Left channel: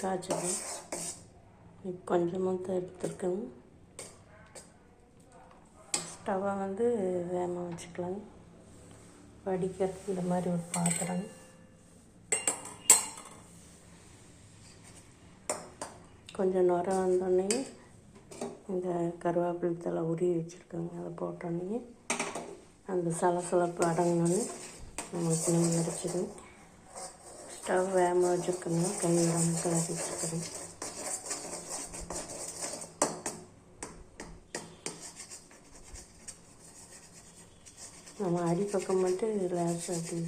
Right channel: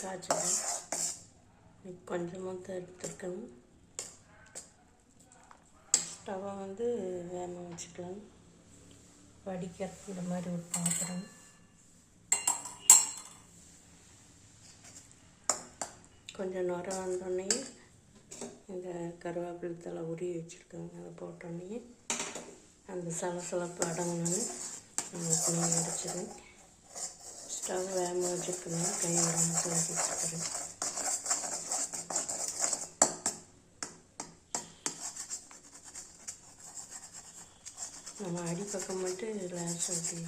காய்ச்சல் கொஞ்சமாக தான் எடுத்துருக்கேன். ஸ்டவ்வை வந்து வேகமாக வச்சுக்கலாம். வடிக்கிறதுக்கு இந்த மாதிரி ஒரு பாத்திரம், கொஞ்சம் நுர வந்தோடனே இந்த கருவேப்பிலை தலை உருவி வச்சுருக்கோங்க, அதை போட்டோடனே அந்த சலசலப்பு அடங்கினோன்னு நம்மளுக்கு நெய் வடிச்சிடும். ஸ்டவ் வேகமாக வச்சுருக்கணும், கை விடாமல் கிளறி வச்சுருக்கிறேன். நம்ம அடிப்பக்கம் மட்டும் லேசாக அப்படி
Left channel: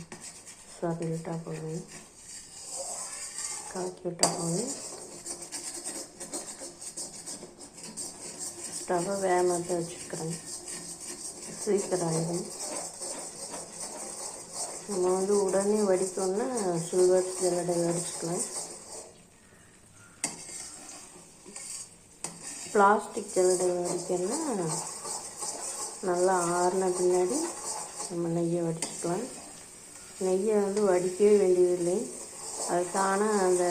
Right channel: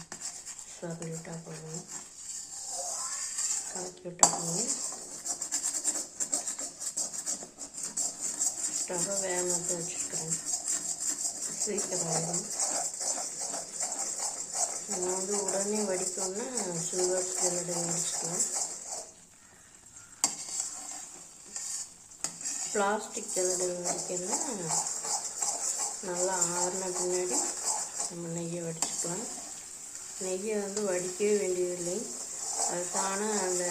சொதி விட்டால் போதும், கலக்கி விட்டால் போதும். ஸ்டவ்வை வேகமாக தான் வச்சுருக்கிறேன், சீக்கிரம் ஆகிடும். நம்ம வந்து உடனே வடித்தோன்னா சில்வர் ஜல்லடை வடிச்சுக்கலாம். பிளாஸ்டிக் ஜல்லடை வடிக்கணும்னா நல்லா ஆறின பின்னாடி நம்ம நெய்யை வடிச்சுக்கலாம். நெய்யை வந்து வடிக்கவே வேண்டியதில்லை, அது தானாக அந்த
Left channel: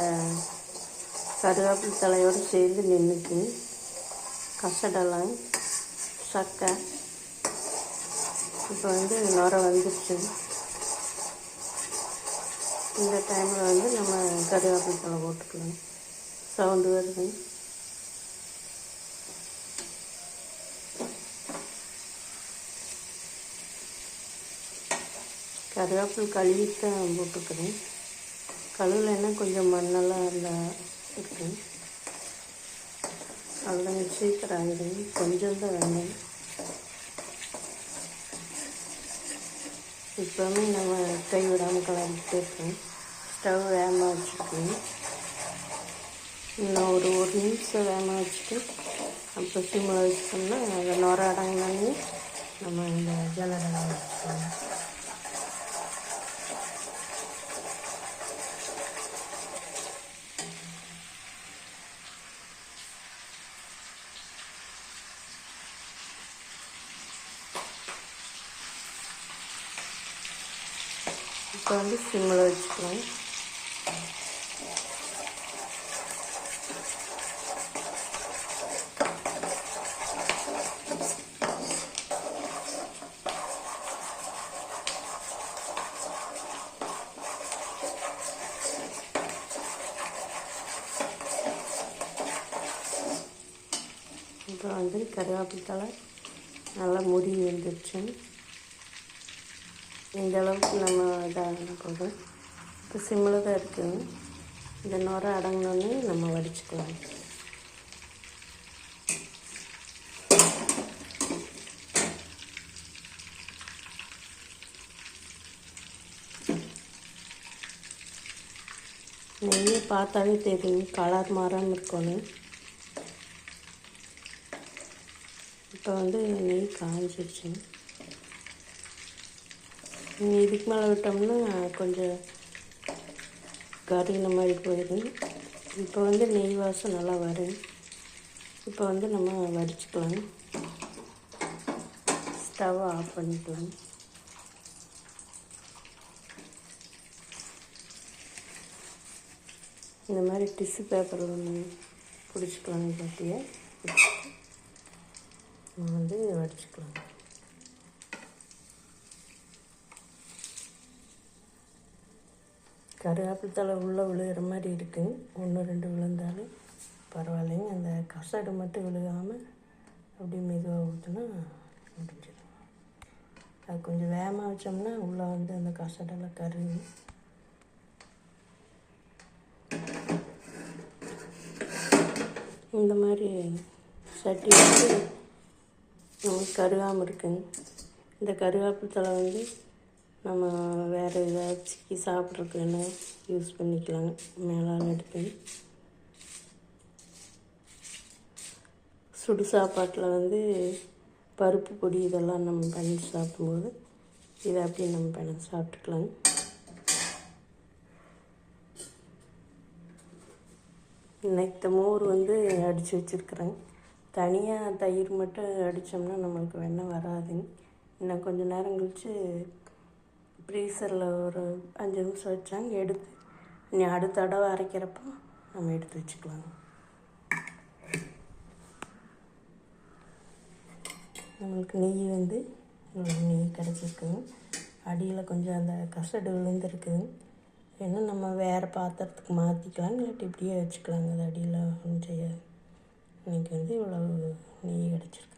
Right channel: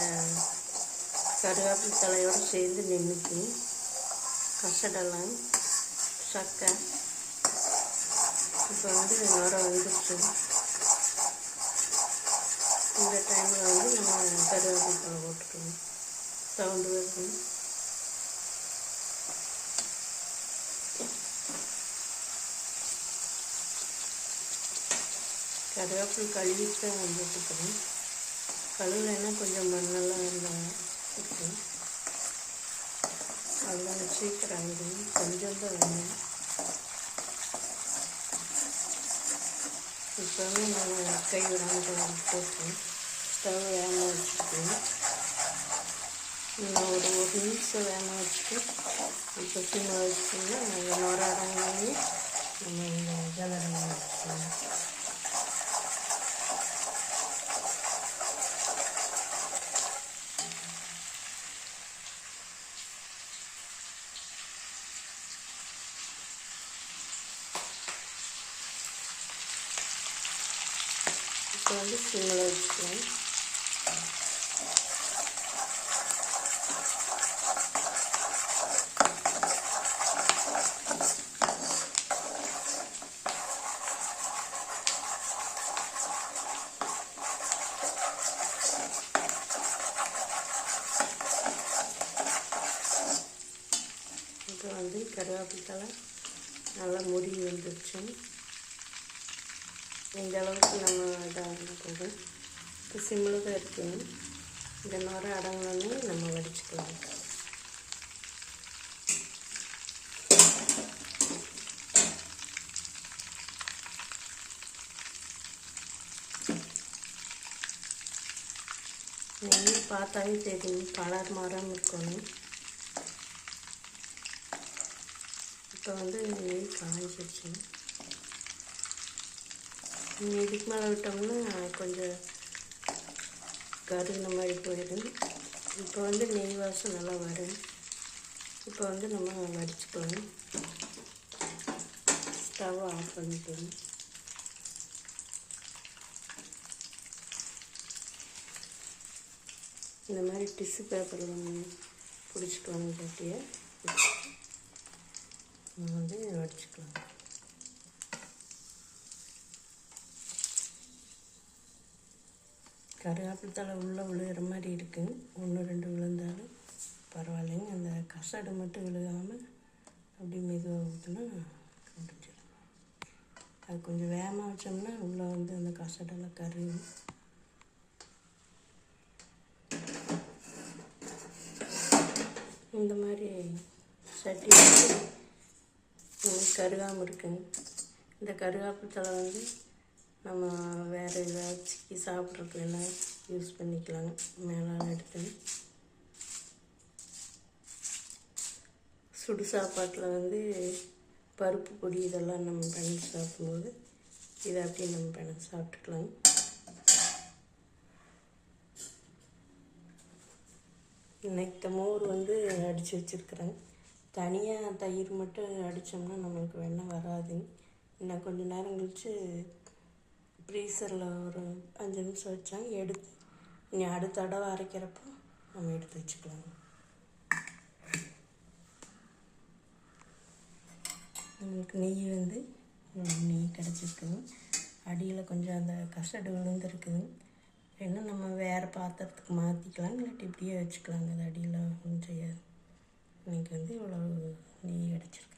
கருவேப்பிலை தலையோடு சேர்ந்து நின்றுக்கு. கசடெல்லாம் சக்கை இப்போ வந்து நுர வந்துடுச்சு. இந்த டைமில் வந்து நம்ம கருவேப்பிலை தலை போட்டுக்கலாம். சவுண்டு வருது. கருவேப்பிலை கழுவிட்டு தான் போட்டுக்கிறேன். கழுவுலைன்னா கொஞ்சம் மண்ணெல்லாம் அதில் இருக்கும், அதெல்லாம் சீக்கிரம் ஆகிடும். கொஞ்சம் தான் வேணும். இப்போவுமே நம்ம கை விடாமல் கலந்துட்டு இருக்கோம். ஸ்டவ் வேகமாக வச்சுருக்கோம். இன்னும் ஒரு நிமிஷம் வேகமாக வச்சுட்டு அப்புறம் சிம்மில் வச்சுட்டோம்னா அந்த நுர அடங்கினோடனே நம்ம இந்த ஜல்லடை வச்சுக்கலாம். இப்போ வந்து சிம்மில் வச்சுக்கலாம். இப்போ வந்து கருவேப்பிலை தலை நல்லா முடி வந்துடுச்சு. இந்த அளவுக்கு நம்ம இதாக போதும். இப்போ சிம்மில் தான் இருக்குங்க. இந்த நுர அடங்கினோடனே நம்ம வடிச்சுக்கலாம். நெய்யை பார்த்தாவே தெரியும், கலர் மாறாமல் இருக்கணும். இப்போ வந்து நெய் காஞ்சிடுச்சு. இதுக்கு மேலே விட்டோம்னா கொஞ்சம் கருகின மாதிரி போயிடும். இப்போ வந்து நெய் வாசம் நல்லா வரும். இப்போ வந்து நம்ம வடிச்சுக்கலாம். ஸ்டவ் ஆஃப் பண்ணிக்கலாம். இந்த மாதிரி டிஷ்யூ பேப்பர் ஒன்று பிடிச்சிக்கலாம். சட்டியை நம்ம வந்து வடிச்சுக்கலாம். கருவேப்பிலை தலை உள்ளே விழுகிற மாதிரி இருக்குங்க. 1-2 விழுந்தாலும் பரவாயில்லைங்க. அந்த கசடு மட்டும் விழுகாமல் அப்படியே மெதுவாக ஊற்றினா முடிஞ்சிடும். அது கொஞ்சம் வேகமாக வச்சோம்னா உள்ளே வந்து அந்த கசடெல்லாம் கருவி. இந்த மாதிரி சட்டி வந்து நமக்கு கருகாமல் இருக்குங்க. இந்த கருவேப்பிலை தலை வந்து நம்ம வேறு ஏதாச்சும் சாப்பிட்றதுக்கு என்ன யூஸ் பண்ணிக்கலாங்க. மேலால் எடுத்து சுடு சாப்பாட்டில் வந்து பருப்பு பொடி இதெல்லாம் நம்ம பண்ணி சாப்பிடும்போது இதை அப்படியே நம்ம பண்ணி சாப்பிட்டுக்கலாங்க. இன்னைக்கு மோர் வந்து அடித்து வச்சுருக்குறேங்க. தனியாக தயிர் மட்டும் அடித்தோம்னா நம்மளுக்கு வெண்ணெய் வராதுங்க. இன்னும் கொஞ்சம் நேரம் கழித்து ஃப்ரீசரில் ஒரு 5 நிமிஷம் வச்சாங்க எடுத்து இனி அடுத்த தடவை அரைக்கிறப்போ நம்ம எடுத்து வச்சுக்கலாம். நம்மளுக்கு நெய் வந்து நெய் கிடச்சிருக்குங்க. அடியில் கொஞ்சம் அந்த கசடு விழுந்துருக்குது. வேணால் நம்ம வேறு பாத்திரத்துக்கு மாற்றிக்கலாங்க, இல்லாட்டி இப்படியே வச்சுக்கலாங்க. அது அடியில் ஒன்றும் செய்யாது. இன்றைக்கி வந்து இவ்வளோ நெய் கிடச்சிருக்கு.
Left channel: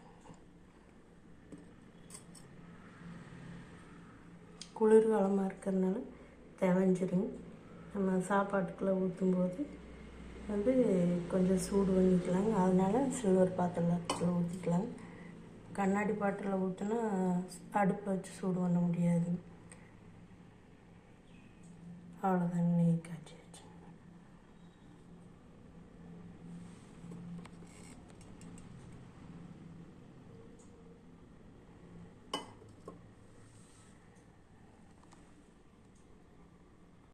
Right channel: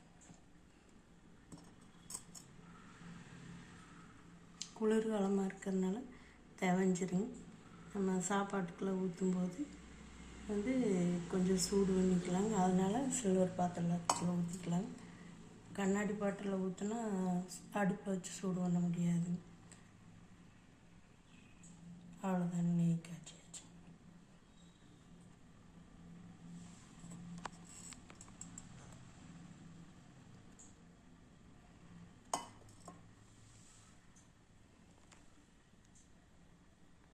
குளிர்காலமாக இருக்கிறதுனால தேவைஞ்சிருங்க. நம்ம சாப்பாட்டுக்குள்ளே ஊற்றும்போது வந்து கொஞ்சம் சூடு பண்ணிக்கலாங்க. அதனால் சில்வர் பாத்திரத்தில் ஊற்றிக்கலாங்க. கண்ணாடி பாட்டிலில் ஊற்றினா அடுப்பில் வச்சு சூடு பண்ண முடியாது. அவ்வளோதான், நெய் காய்ச்சி